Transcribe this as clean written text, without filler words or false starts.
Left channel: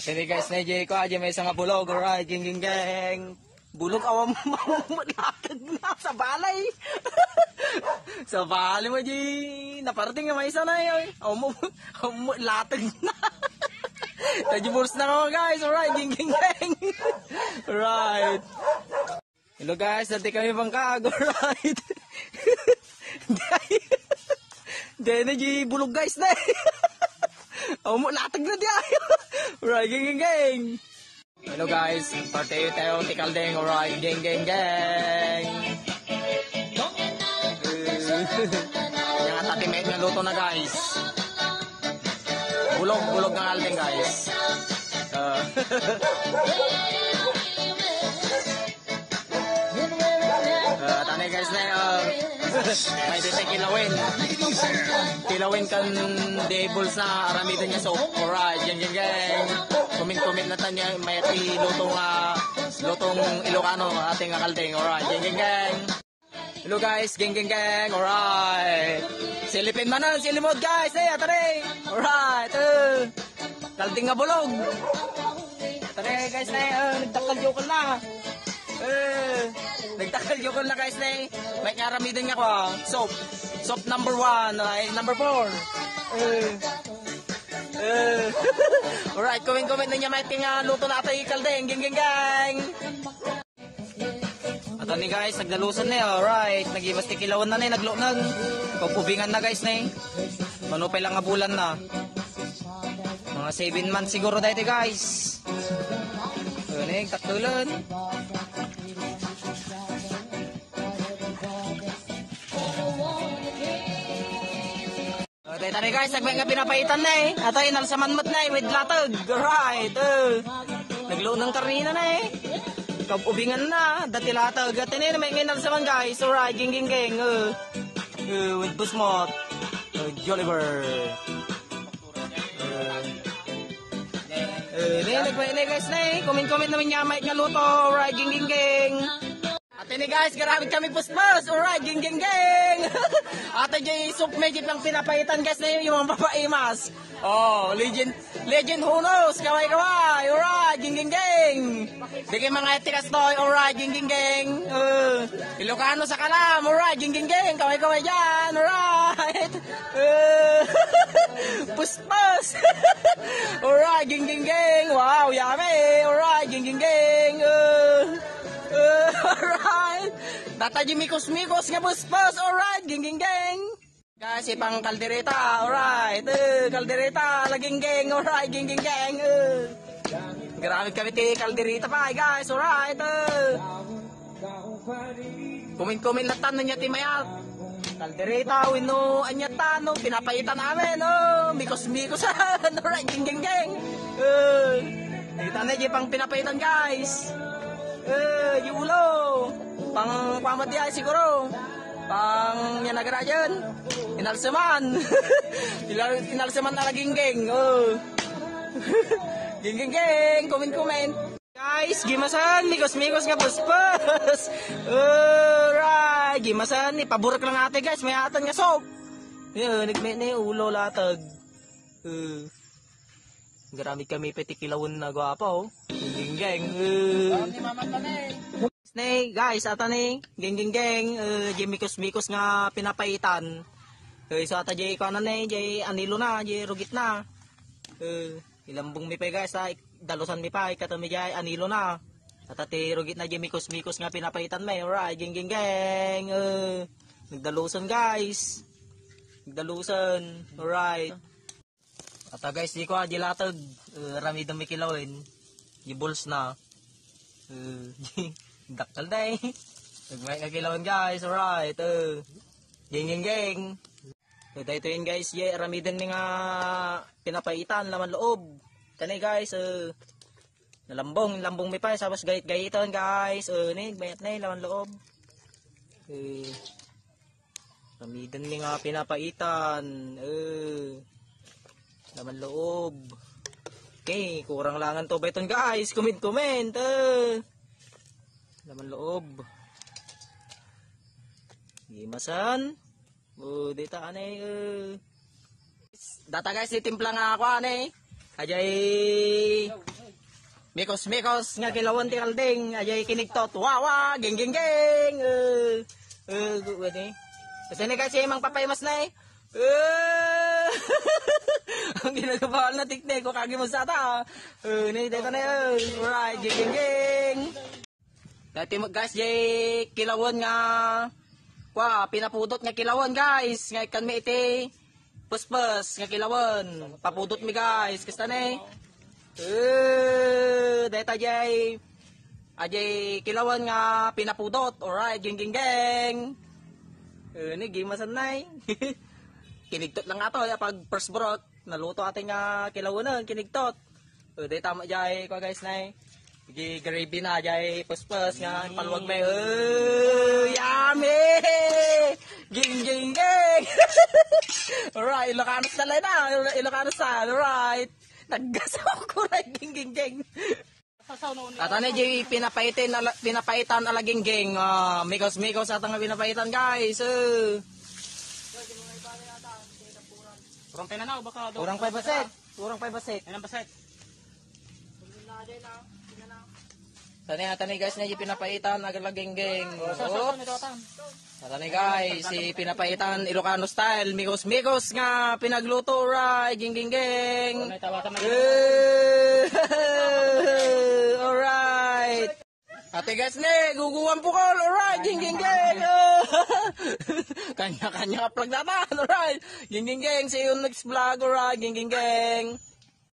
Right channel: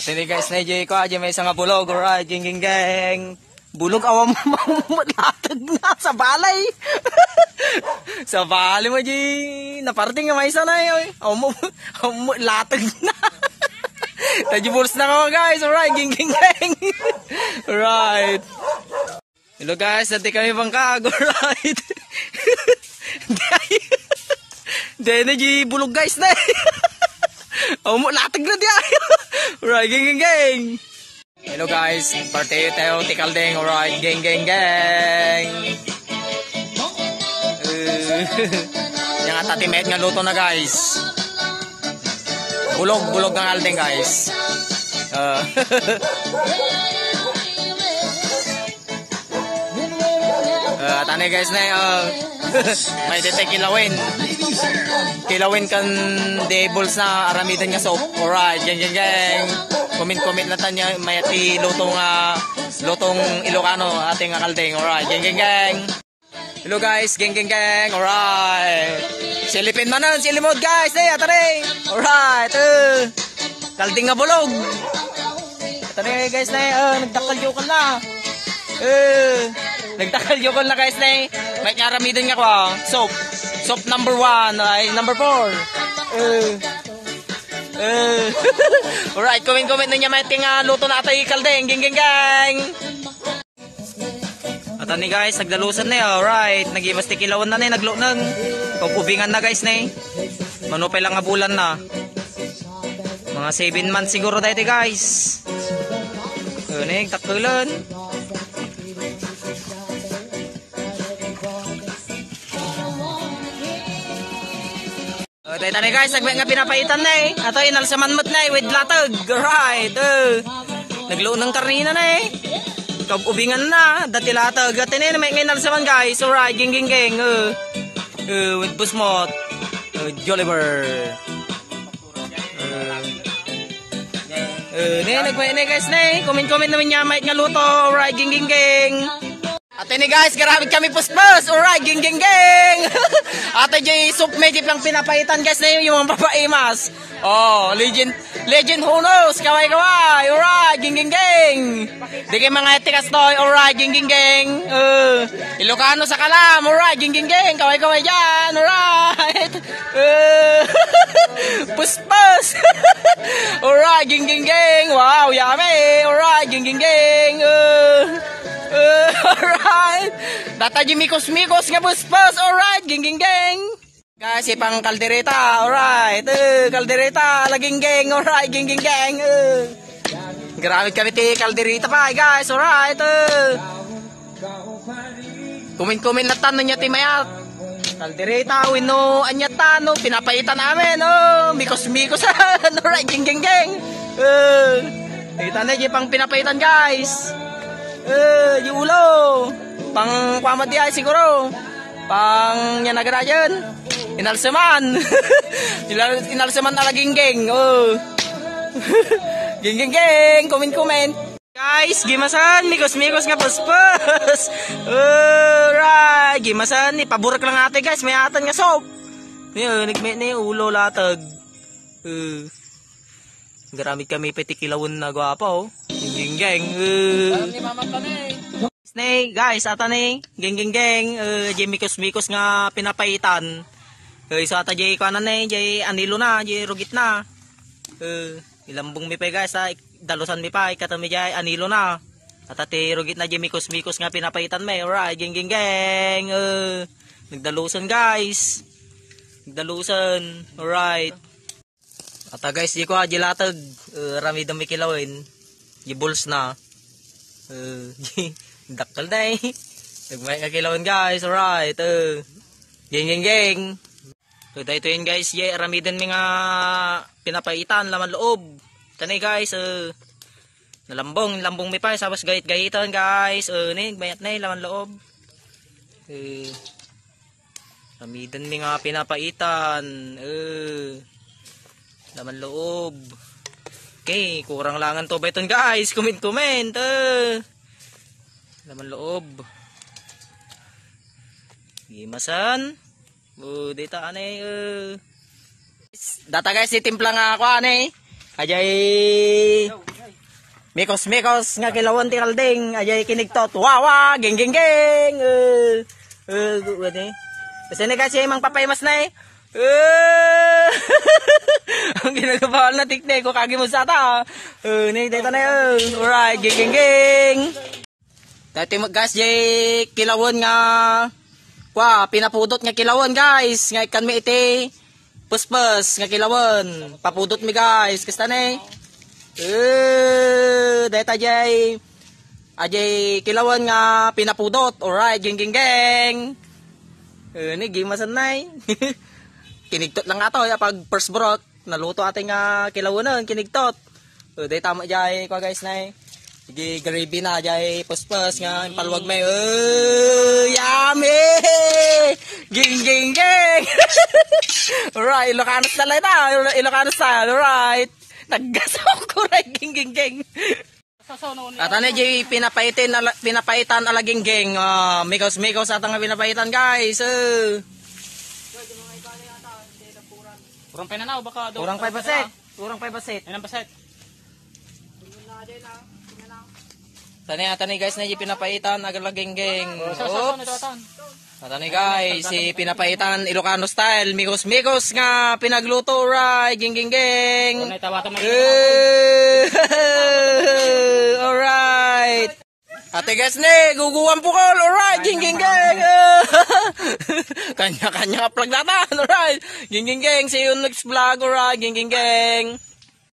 Sini guys, na ko aja may isang bulog, alright, geng. Bulog awam mo latag na sa balay. Sa balay mo di naparating nga may isa na yoy. Awam mo latag na. Najibuls na ako guys, alright, geng. Alright. Hello guys, dati kami bangkag, alright. Dahil na di bulog guys na. Awam mo latag na di ayo. Alright, geng. Hello guys, party tayo tikaldeng, alright, geng. Yang tatimet nga luto na guys. Bulog ng aldeng guys. Tani guys na may dete kilawin kan debuls na aramidan nga soap. Alright, geng. Comment na tanya may lutong Ilocano ating kaldeng. Alright, geng. Hello guys, geng. Alright. Silipin man ang silimod guys. Atare. Alright. Kalding nga bulog. Atare guys na nagdakal na. Nagdakal na guys na. May karamidan nga ko soap. Soap number 1 ay number 4. Alright, comment na niya may tinga luto na atay kaldeng, geng. At ani guys, nagdalusan na alright, nagibas tikilawan na naglunan. Pagubingan na guys na manupay lang nga bulan na. Mga 7 months siguro dati guys. Kunig, takulan. Tani guys, nagmet nga pinapaitan na Ato inalsaman mo't na with latag. Alright. Nagluunang karnina na Kag-ubingan na. Dati latag. At na may inalsaman guys. Alright, geng. With busmot. Joliver. Nagmet na guys na Comment naman niya may nga luto. Alright, geng. At ini guys, grabe kami puspos. Alright, geng. Ate J, soup medip lang pinapaitan guys na yung mga papaimas. Oh, legend who knows, kaway. Alright, geng. Di kayo mga etikas toy. Alright, geng. Ilocano sa kalam. Alright, geng. Kaway dyan. Alright. Puspos. Alright, geng. Wow, yummy. Alright, geng. Alright. Data di mikos nga buspos. Alright, geng. Guys, ipang kaldereta. Alright. Kaldereta, laging geng. Alright, geng. Grabe kami ti kaldereta pa, guys. Alright. Comment na tanong niya ti mayat. Kaldereta, wino, anyata, no, pinapaitan namin. Mikos. Alright, geng. Kita na pang pinapaitan, guys. Yung ulo. Pang pamati ay siguro. Pang yan agad dyan. Inalsaman. Inalsaman na laging geng. Geng. Comment. Guys, gimasan. Mikos nga paspas. Alright. Gimasan. Ipaburak lang ate guys. May atan nga soap. Nagmit na yung ulo latag. Garamit kami petikilawon na gwapa Geng. Snake guys, ata geng. Mikos nga pinapaitan. Guys, ata jay kanan jay anilo na, jay rugit na. Ilambong mi pa guys, dalusan mi pa katami jay anilo na. Ata ti rugit na jay mikos nga pinapaitan may. Alright, geng. Nagdalusan guys. Alright. Ata guys, di ko latag. Rami dami kilawin. Gibuls na. Dakal na Nagmay nga kilawin guys. Alright. Geng. So dahito yun guys. Ramidan mi nga pinapaitan. Laman loob. Tanay guys. Nalambong mi pa. Sabas gayit-gayitan guys. Mayat na laman loob. Ramidan mi nga pinapaitan. Laman loob. Okay, kurang langan to beton guys. Comment. Laman loob. Gimasan. Dita Data guys, itimpla nga ako Ajay Mikos nga kilawon ti kalding. Ajay kinigtot. Wawa, geng geng geng. Gani. Kasi na kasi mang papaymas na eh. Ang ginagawa na tikne ko kagi mo sa ta. Ni data na yun. Alright, geng geng geng. Dati guys, jay kilawon nga. Kwa, pinapudot nga kilawon guys. Nga ikan mi iti. Puspus nga kilawon. Papudot mi guys. Kasta na eh. Data jay. Ajay kilawon nga pinapudot. Alright, geng geng geng. Ni gimasan nay. Kinigtot lang ato pag first brot naluto ating kilawonan kinigtot. Day tama jay ko guys nay. Sige gravy na jay puspus nga palwag may. Yummy! Ging ging ging. Alright, Ilocano style ita. Ilocano style. Alright. Naggasaw ko right ging ging ging. At ano jay pinapaitan alaging ging. Mikos atang pinapaitan guys. Kurang pa na na, baka Kurang 5%. Kurang 5%. Yan ang baset. Tani guys na pinapaitan agalaging geng. Oops. Tani guys, si pinapaitan Ilocano style, mikos nga pinagluto right, geng geng geng. Kung naitawatan may Alright. Ate guys ne, guguwan po ko. Alright, geng geng geng. Kanya-kanya upload natin. Alright. Geng geng geng, see you next vlog. Alright, geng geng geng.